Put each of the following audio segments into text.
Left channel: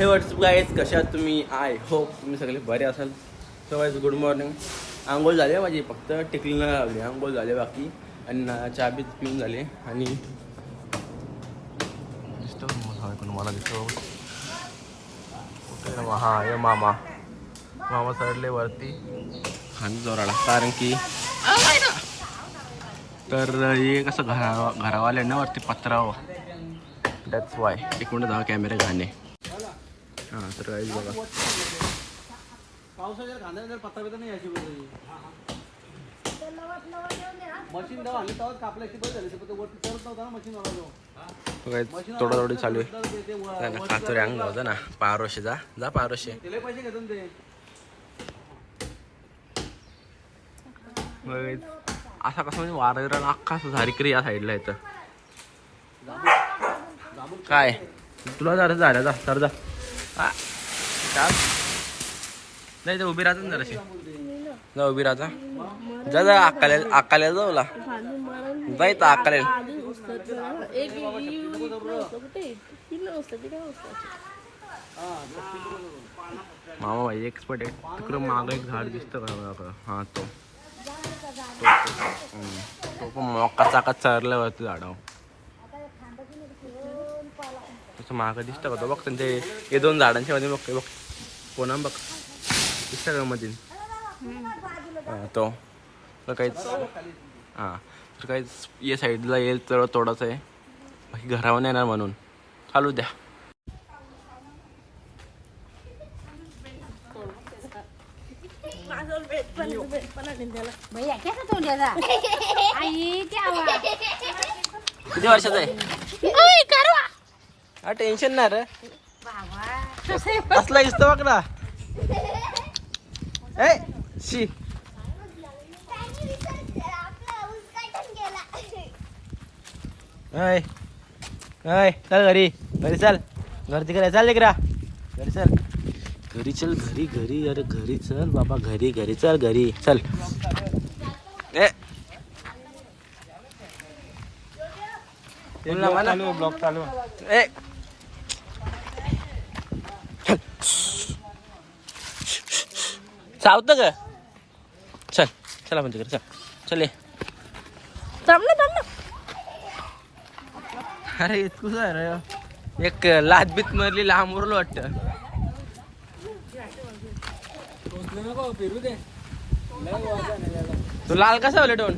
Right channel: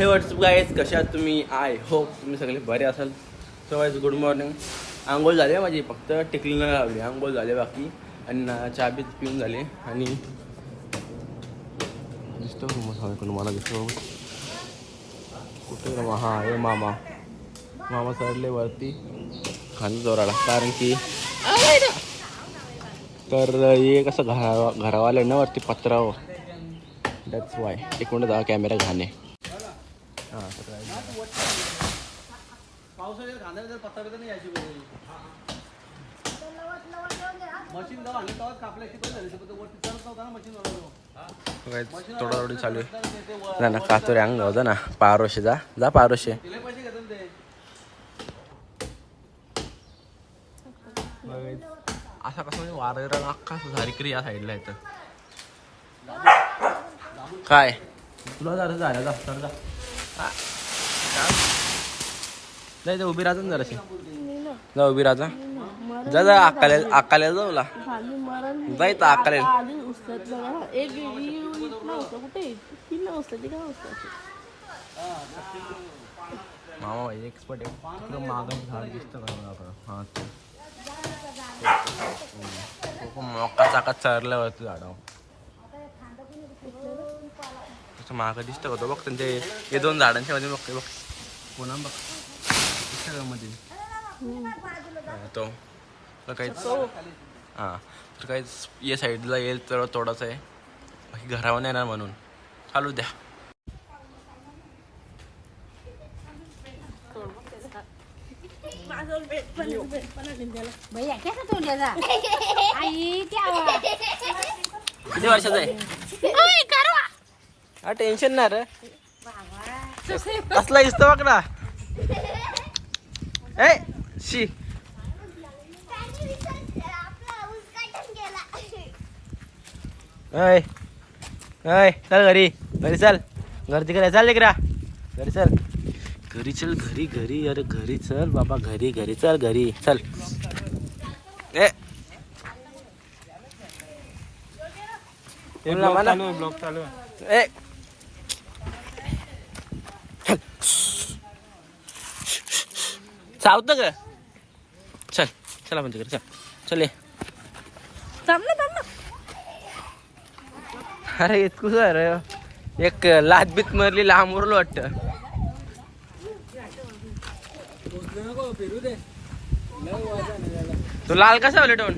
हे WhatsApp guys कशा तुम्ही? आय होप तुम्ही सगळे बरे असाल. सो वाईज गुड मॉर्निंग आंघोळ झाली आहे माझी फक्त टिकली न लावली आंघोळ झाली बाकी. आणि ना चहा बी पिऊन झाली आणि दिसतो तुम्हाला? दिसतो कुठे रे? हा मामा. मामा चढले वरती. खाली जोराला. कारण की तर हे कसं घरा घरावाले ना वरती पत्रावं दॅट्स वाय एक मिनिट जावा कॅमेरा घाणे तर guys बघा. पावसाच्या खांद्याला जर पत्ता बित्ता नाही यायची वगैरे. मशीन जेव्हा आणलं तेव्हा कापल्या की बरं झाली तर वरती चढत नव्हता ना मशीन वाला तर guys, तोडातोडी चालू आहे. ना ना कातोरे अंग होता ना. पारोशे जा. जा पारोशे. तिला पैसे घेतात ते. असा कसं म्हणजे वारं अख्खा झारीकरी या साईडला येतं काय? तुला जरा झालं जा सर जा. हा. नाही ते उभी राहतो ना जराशी जा उभी राहा जा. जा अक्काले अक्काले जाऊ ला जाय तर अक्काले मामा भाई एक्सपर्ट आहे तिकडं मागं एक झाड दिसतं का बघा. हा तो मोका चाकात चरल्यावरती झाडाव त्याचं मागं दिसतं का तो? बघ त्यांचे हे दोन झाडांच्या मध्ये बघ बघ. कोणा बघ? मध्ये हा, तो. तर काहीच हां. तर काहीच या साईडला येईल तर तोडाचं आहे बाकी घरावर येणार म्हणून. चालू द्या. किती वर्षाचं आहे? हा टेन्शन नाही रे. बाबा. असला दिसतो बघ ना. ए शी. ऐ ऐ चल घरी. घरी चल. घर तिकडे. चल तिकडे घरी चल. घरी चल घरी घरी. अरे घरी चल बाबा. घरी घरी चल घरी. चल. ए. ना ब्लॉक चालू ए. चावतं का? चल चला म्हणजे चल. चल ये. अरे इतकं अरे एक लाच बीत मरली लांब उरलो वाटतं. तू लाल कसा होले टोन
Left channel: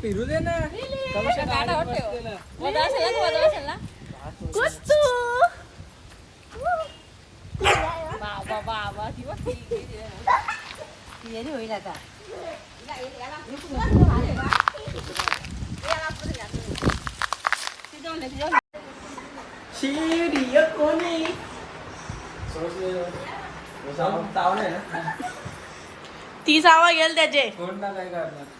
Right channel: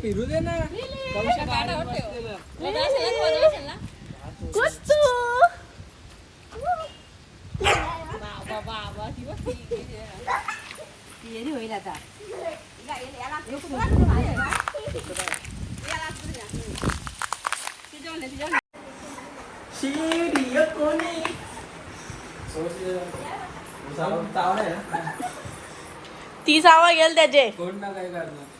फिरू दे ना. बसलेलं. येरी होईल आता. तीस आवा गेल त्याचे. सोड ना काय करणार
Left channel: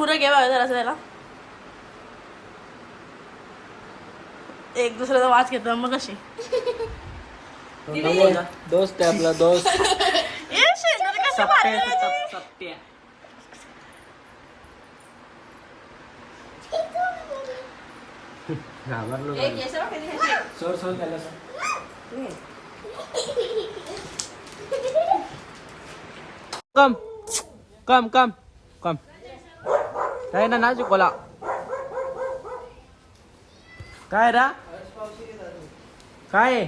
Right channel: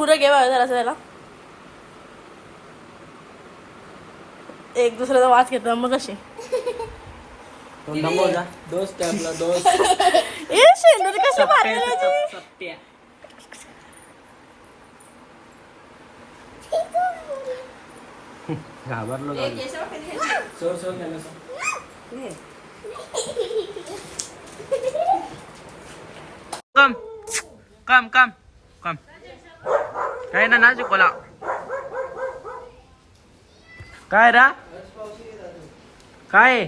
पुरं घे बघा जरा त्याला एक दुसऱ्याचा वाच घेतो मग कशी दोस्त आहे आपला दोस्त। ए शेंदूर कसं? घाबरलो कम कम कम। काय ना ना शिकवला काय रा? काय?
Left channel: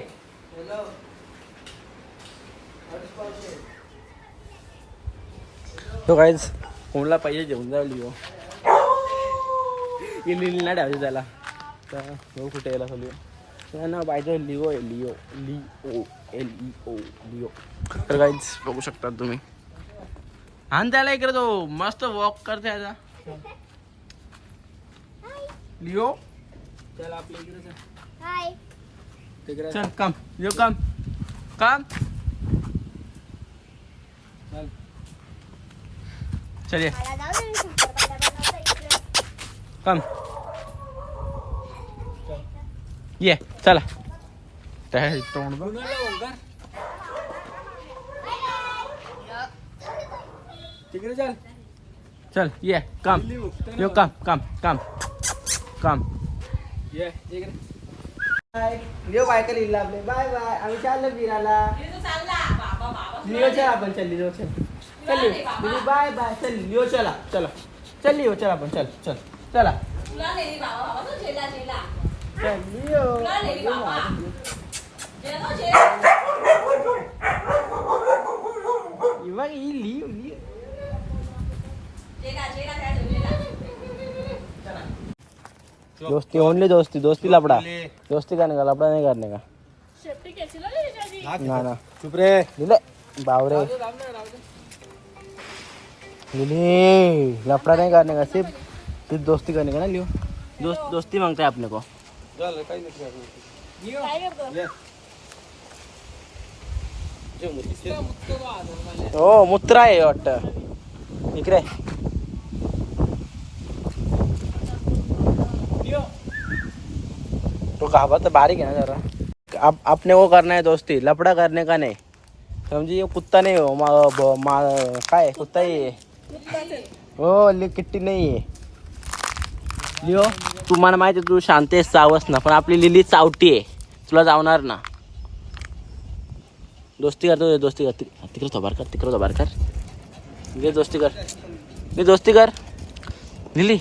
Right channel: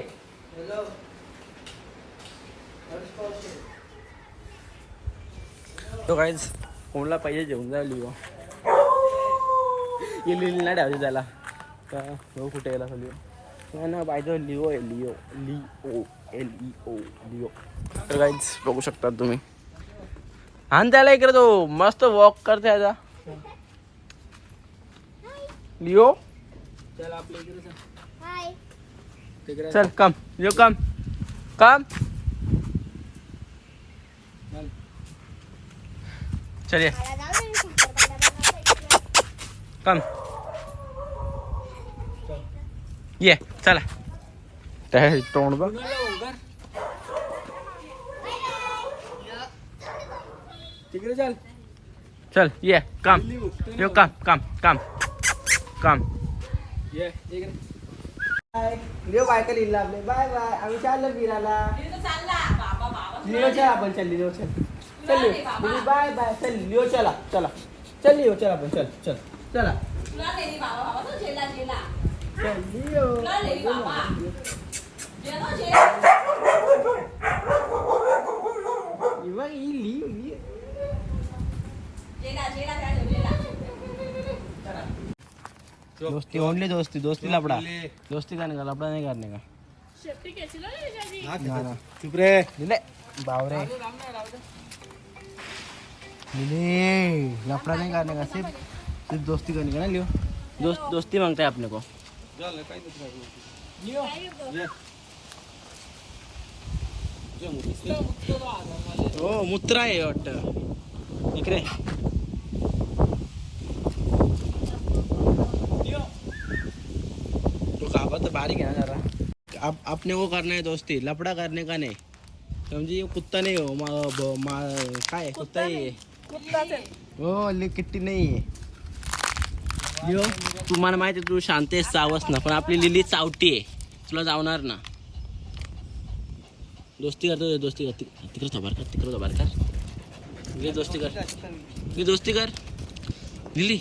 तो काहीच कोणला पाहिजे जेवून जायला लिओ इली नाही ठेवायची त्याला. तर भाऊ कुठे यायला लिओ नाही ना पाहिजे Leo Leo Leo L E O Leo. तर काहीच बघू शकता तुम्ही. आणि त्याला इकडे तो. मस्त वॉक करते आता. लिओ चल आपल्या इकडे चल. हाय तिकडे चल कम लिओ कम कम चल. चल ये मला जाऊ दे शंकरपाळ्याला इकडे. कम ये चला त्या तोंड बघ कुणाला ओंकार? तिकडे चल चल ये कम लिहू. लिओ कम कम कम कम ये इकडे बाय लिओ बाय का लिहिला आपले बाय बाय आम्ही चाललो फिरायला लिओ चल आपण चल लिओ चल चल लिओ लिओ बाय बाय चल लिओ चला चला चल लिओ चल आपण चल चल चला चल लिओ दोस्ती ओनली दोस्ती दोस्ती लपड़ा दोस्ती करने का लपड़ा नहीं करने का। ना ना चुप रे लिले बावरे। लिले लफड़ा नहीं करने का सिर्फ़ सिर्फ़ दोस्ती करने का ना लियो। दोस्त दोस्ती माँगता है अपने को। ओ मुत्रा आहे वाटत इकडे तो घाबा तर बारीक है ना जरा। आप, अपने को करना है दोस्ती लफड़ा करने का नहीं। समझिए ये कुत्ता नहीं हो मा, मा, काय है? कुत्ता ही आहे हो किट्टी नाही आहे लिओ तुम्हाला माहिती आहे, तू शांत आहेस चावस ना पण आपली लिली चावटी आहे. तुला जावणार ना. दोस्ती करतो दोस्ती कर तिकडे थोबार कर तिकडे थोबार कर. घे दोस्ती कर. घे दोस्ती कर. लिली.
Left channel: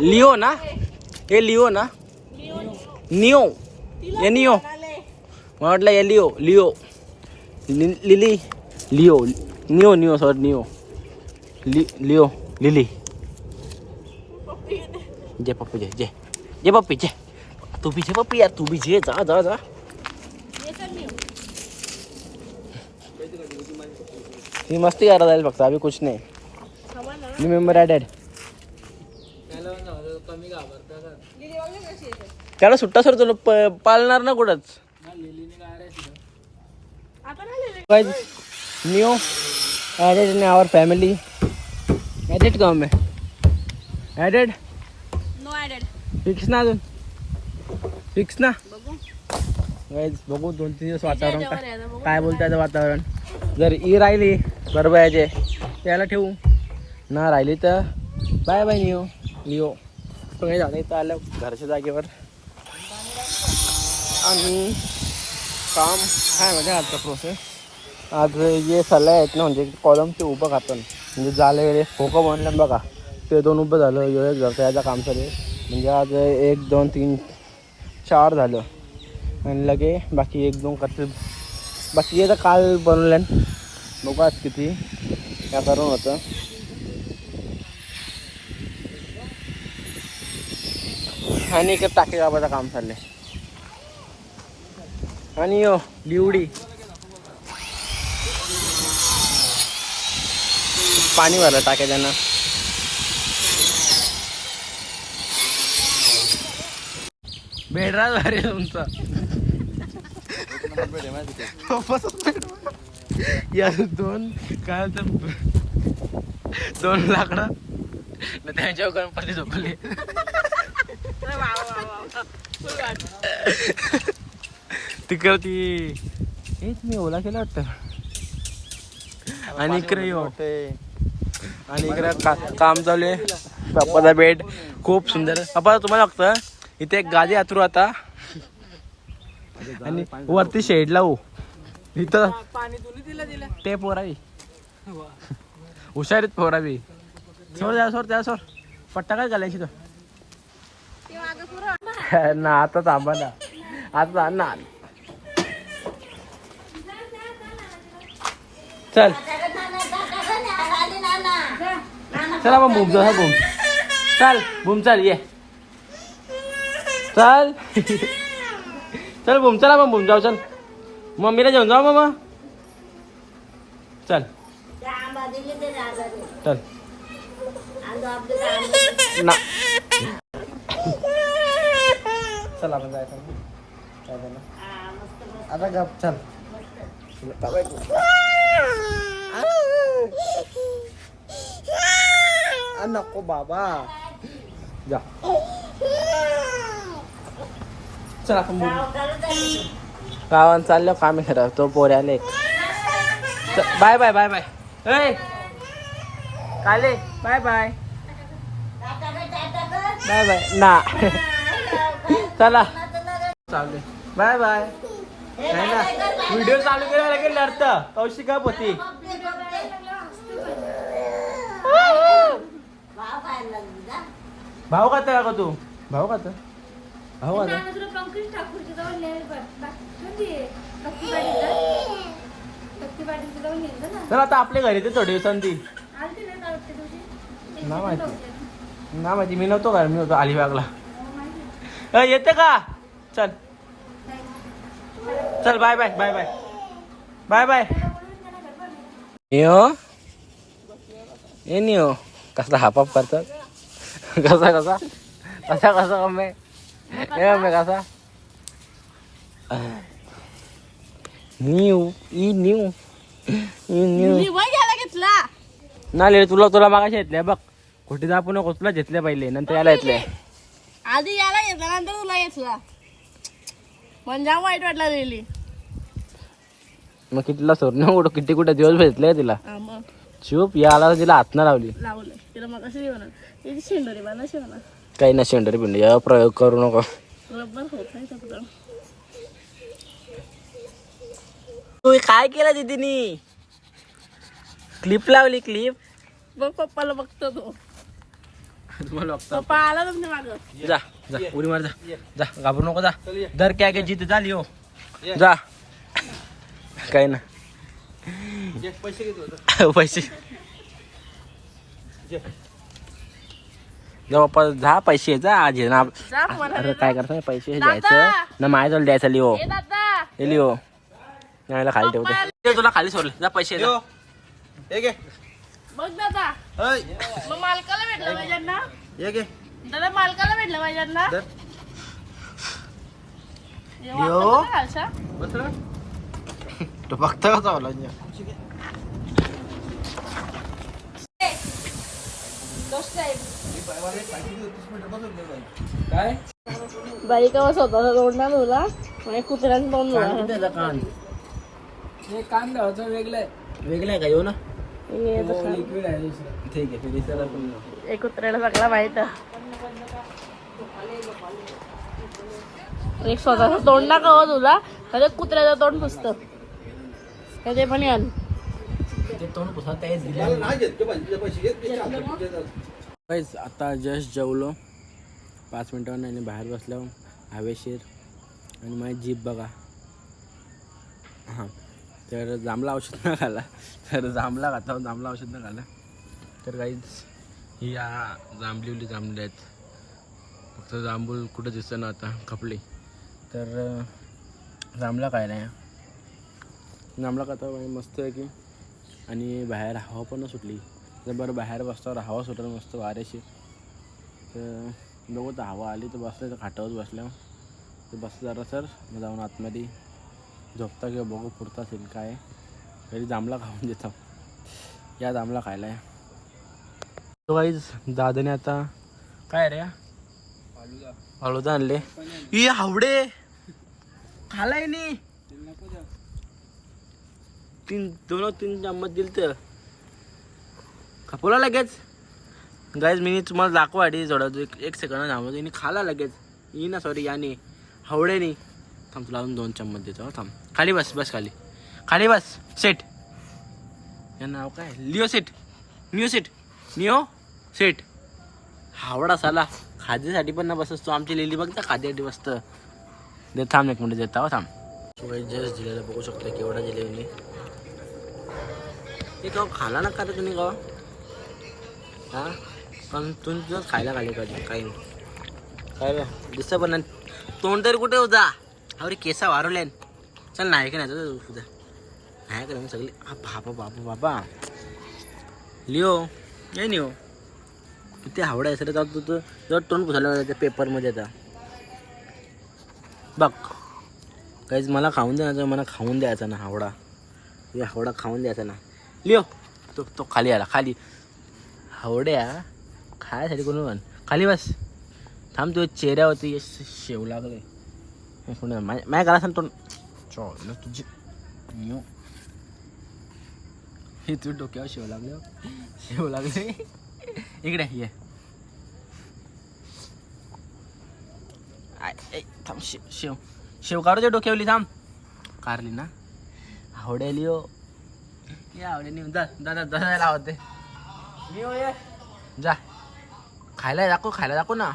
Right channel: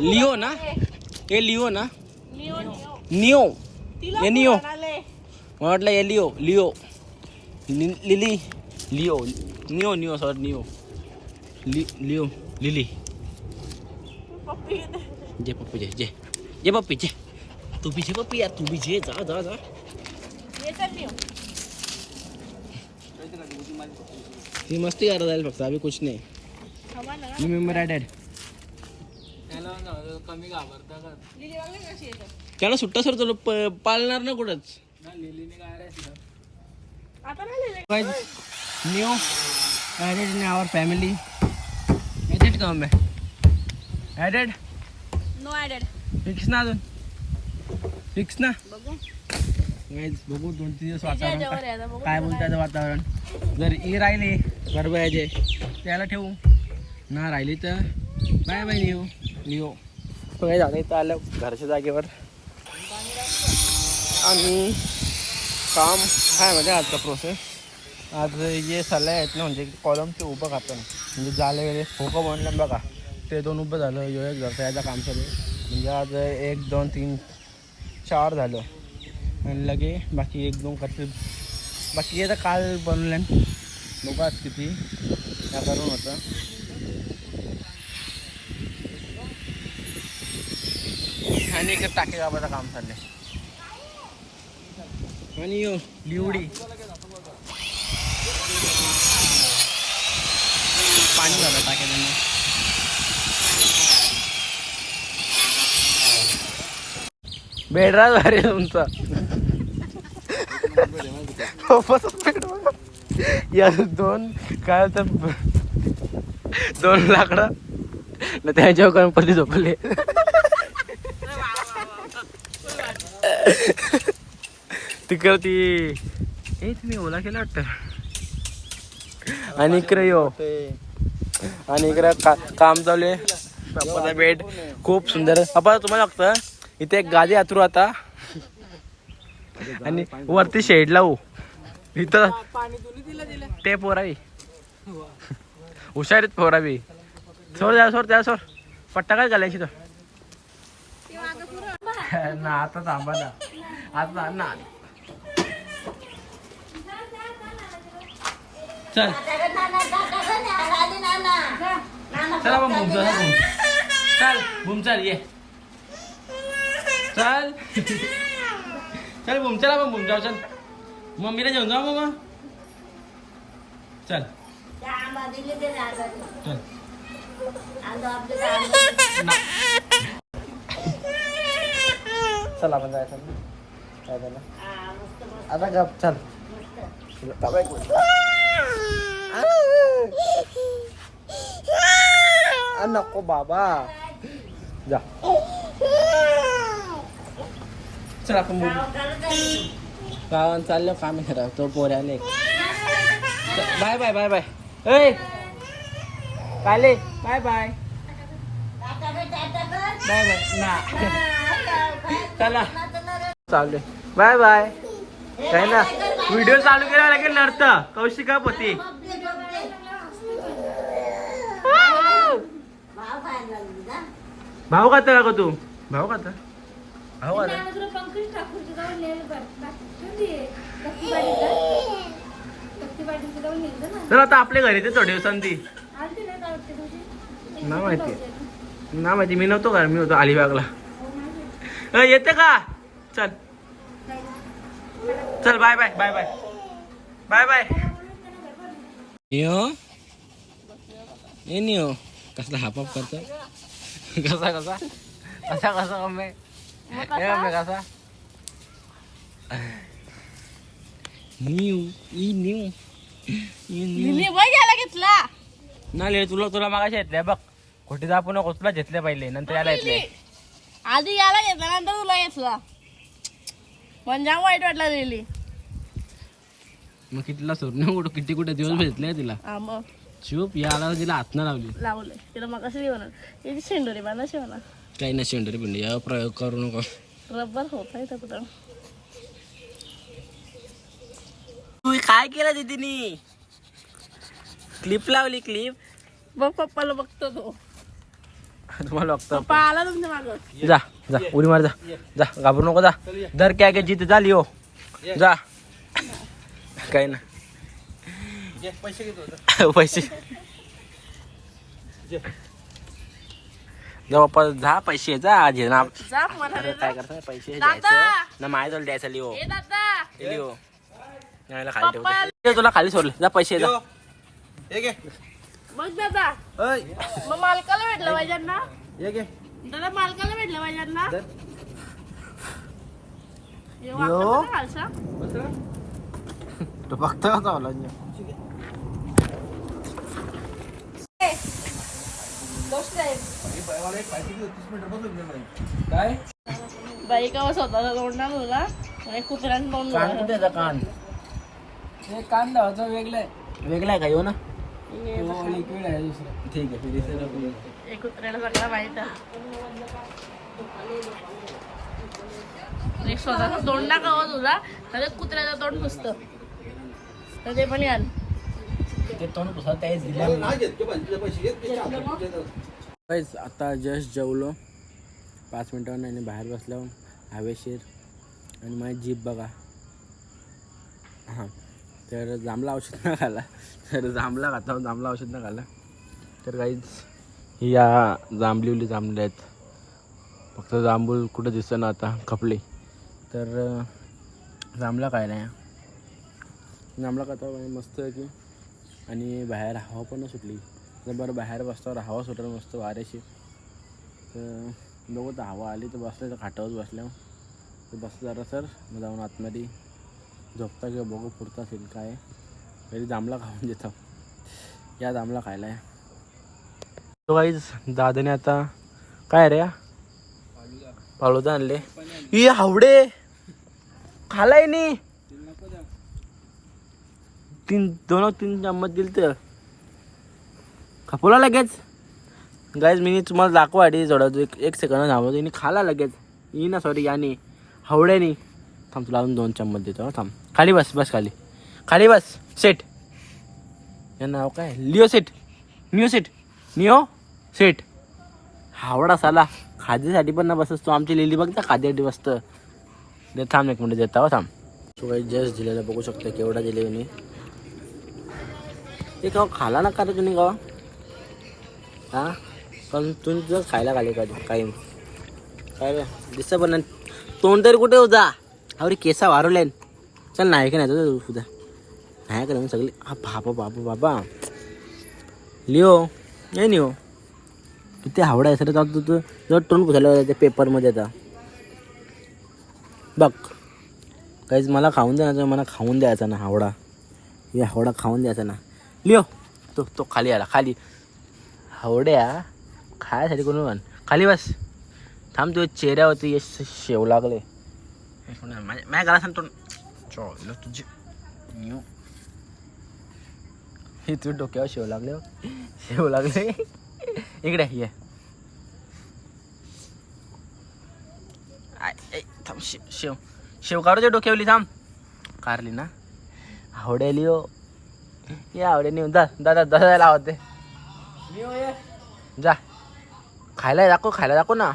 लिओ ना. हे लिओ ना. निओ निओ मला वाटलं हे Leo Lily Leo Neo Neo sorry Neo लि लिओ लिली जे पप्पी जे जे जे पप्पी जे तू भी जे पप्पी यार तू भी जे जा जा जा ती मस्ती करत जाईल फक्त अभी कुछ नाही रिमेंबर डॅड कमी घाबरता का त्याला सुट्टा सर तुला प- पाळणार ना कुठंच? ना लिलीने काय रे तिथं आता नाही लिहिलं. guys new added in our family. Added का मैं added? नो ऍडेड फिक्स ना अजून. फिक्स ना? बघू. गाईज बघू दोन तीन दिवस वातावरण काय- आहे आता, बघू काय त्याला बोलताय वातावरण. जर ई राहिली गरबायाचे त्याला ठेवू. ना राहिली तर. बाय बाय नियो लिओ तो काही झालं इथं आलं घरच्या जागेवर. आणि काम काय म्हणजे आजचा प्रोसेस आज ये सल्ला आहेत ना म्हणजे कॉलमचे उभं खातं म्हणजे झाले वगैरे खोकं बनलं बघा. ते दोन उभं झालं एवढं एक झालं याचं काम चालू आहे. म्हणजे आज एक दोन तीन चार झालं. आणि लगे बाकी एक दोन करते बाकी हे तर काल बनवलं बघू आज किती या करून होतं. आणि एक टाके बाबाचं काम चाललंय. आणि यो लिवडी. पाणी भरलं टाके त्यांना बेडराज भारी तुमचा. या दोन काय तर दोन लाकडं. न त्यांच्यावर गणपती झोपले. तिकडं ए तुम्ही ओला केला वाटतं? आणि इकडे यो. आणि इकडे का काम चालू आहे. बाप्पाचा बेड खूप सुंदर. बाप्पा तुम्हाला बघतं इथे एक गादी आतरू आता. आणि वरती शेड लावू इथं ते पोरावी हुशारीत पोरावी. सोड द्या सोड द्या सोड. पट्टा काय घालायची तो ना आता थांबा ना. आता ना. चल. चला मग भूम जाऊ भूम चल भूम चल ये. चल. चल भूम चला मग भूम जाऊ चल. मम्मीला घेऊन जाऊ मग चल. चल. ना. चल आपण जायचं ना. जायचं आता गप चल. बाबा एक मिनिट. आ, नको बाबा जा चल आपण बोलू गावात चाललो काम खरं तो पोऱ्याले बाय बाय बाय बाय ए काले बाय बाय बाय बाय ना चला चालले बाय बाय काय ना? व्हिडिओ चालू केला लगेच लढतं कौशिका पोती. भाऊ खाता का तू? भाऊ खाता? भाऊ खाता. चल आता आपल्या घरी ते थोडे दिवसांनी. ना माहिती. ना माहिती. मी नव्हतो घर मी होतो अलिबागला. येते का? चल. चल bye bye bye bye bye bye नियो ए नियो कसा हापाप करतात कसा कसा कसा कसा ए मम्मी कसा? न्यू ई न्यू ई न्यू घेतला. ना तुला तुला मागाशी घेतल्या बघ. कुठे दाखवू नको तुला घेतले पहिले नंतर याला घेतले आधी याला घेतला नंतर तुला घेतला. म्हणजे वाईट वाटला लिहिली मग कितीला सोडणं कुठं किती कुठं दिवस भेटले तिला? हा मग. चूप याला तिला हात ना लावली. लावलं. तिला मग कसं जेवणार त्याची शेंडोरी बांधा शिवणार काही ना शेंडरी पिंडी या प्रयोग करू नको. रब्बर होत आहे तर तू काय केलं दीदीनी? क्लिप लावली क्लिप मग पप्पाला बघतो तो. तुम्हाला पप्पा आला तुमच्या मागं. जा. जा उडी मार जा जा घाबरू नको जा. दर क्या के जिथे झाली हो. जा. काय ना. पैसे जा पैसे जा आज हे ना. जा काय करतो? पैसे! द्यायचं ना माझ्याजवळ द्यायचं लिओ. दादा. हे लिओ. यायला खाली ठेवते. ते तुला खाली सोडले. जा पैसे जा. बघ दादा. मग मालकाला भेटलं पाहिजे ना? हे घे. दादा मालकाला भेटलं पाहिजे ना धर. हे? तो बघतो का चावला काय? बाई का स्वतःचा तोंड आणि कान कुठे आहे कान? हे कान लावायचं वेगळं वेगळा आहे का? येऊ ना. लिक्विड आहे ठीक आहे ठीक आहे हे कुत्र्याला सगळं माहीत आहे. एक स्वतःचं तोंड ना कवा तुला तर कुत्र्याचं तोंड पुसतं तर ते पण यान ते तोंड पुसा त्याच दिलं गाईज आता जस्ट जेवलो. पाच मिनटावर नाही बाहेर बसलो. हवेशीर. आणि माझी जीप बघा. हां. तर जांभला औषध न घाला तर जांभला खाता जांबला औषध न घाला तर काहीच ही या जांभलीवली जांभले आहेत. फक्त जांभूळ कुठं दिसतं ना आता खपले. तर अं, जांभला काय नाही जांभला खाता मस्त आहे की. आणि बाहेर हवा पण सुटली. तर बरं बाहेर बसतावर हवा सुटलं मस्त वाऱ्याशी. तर बघू तर हवा आली तर बसले तर खाटावर बसल्यावर. तर बसलं जरा सर मग जाऊन आतमध्ये झोपता किंवा बघू पुरता असेल काय घरी जांभला खाऊन देतो. या जांभला खायला या. तो काहीच दादाने आता काय रे फाळूदा आणले. ई हावडे! खालाय नी. तीन दोन तीन चम्मच दिल तर खपवला लगेच. गाईज मी तुम्हाला दाखवा आधी एक एक सेकंड थांबवतो. खाला लगेच. ई ना सॉरी याने हवड्यानी थांब तुला अजून दोन चम्मच देतो थांब. खाली बस बस खाली. खाली बस सेट हे नाव काय? Leo set Leo set Leo set Howrah साला. खाद्यासाठी पण ना बसस तू. आमची लिली बघता खाद्यासाठी बसतं दे थांब एक मिनिट देता हो थांब. तो काही जस्ट दिलेलं बघू शकतो केवढा दिले मी ते तो खाला ना का रे तुम्ही का हां? पण तुम्ही तुझंच खायला खाले का काय? काय रे? दिसतं पण नाही. तोंड तरी कुठे होता अरे केसा वारवले चल नाही का नाही तुझं तुझा नाही का नाही सगळे हा बाबा बाबा बाबा. लिओ नाही लिओ. किती हावडा आहे सर तू तू तुझं तोंड पुसायला त्या पेपरमध्ये आता. बघ काहीच मला खाऊन द्या ना मला खाऊन द्यायचा ना हावडा. या हावडा खाऊन द्यायचा ना. लिओ तो तो खाली आला खाली. हावड्या खायसाठी कोण म्हण? खाली बस. थांब तुझ्या चेहऱ्यावरती यश शेव लागले माझ्या घरा सांगतो चल तुझी न्यू. हे तू डोक्यावर शेव लागले हो. शेव लागले इकडे ये थांब शेव शेव शेव काढू डोक्यावली थांब कारली ना आवडेली हो ये आवडे नेऊ जा दादा दादा लावते ये जा खायला दाखव खायला दाखव ना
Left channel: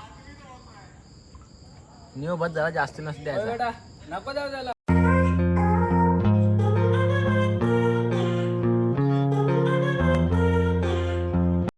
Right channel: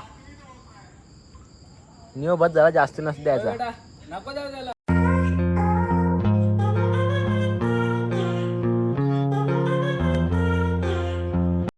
नियो बस जरा जास्त नसतं द्यायचा नको जाऊ त्याला